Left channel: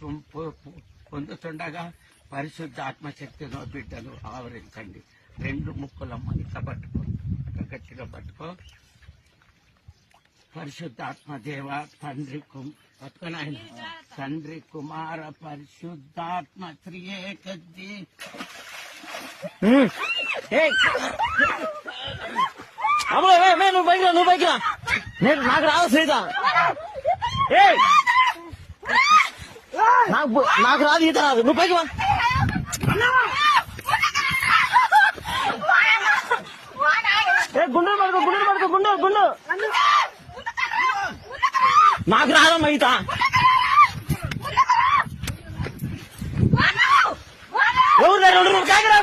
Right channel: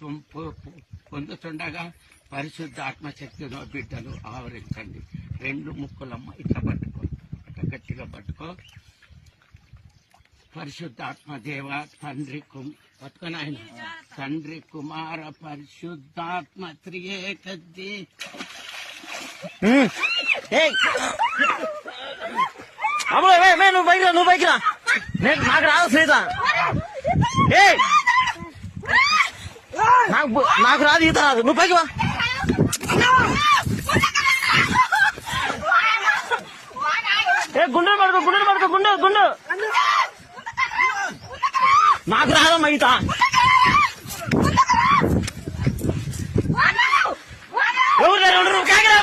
బాప్తిస్మం పొందుతుండగా పరిశుద్ధాత్మశక్తిలో బిడ్డలు ఆవరించండి. రెండు ముక్కులమ్మ ఇట్లా పట్టుకో, ఇట్లా గట్టిగా పట్టుకో. పరిశుద్ధాత్మ దేవ తండ్రి పట్టుకొని ఆయన తండ్రి కుమార పరిశుద్ధాత్మ త్రియేకద్ది. నువ్వు బైక్ రా నాకు రాదు సీత. నాకు రాదు ఈత రాదు. నువ్వు పైకి వా. గుండెలు పడుకో గుండు. నాకు రాదమ్మా ఈత. ఎవరు కేకరా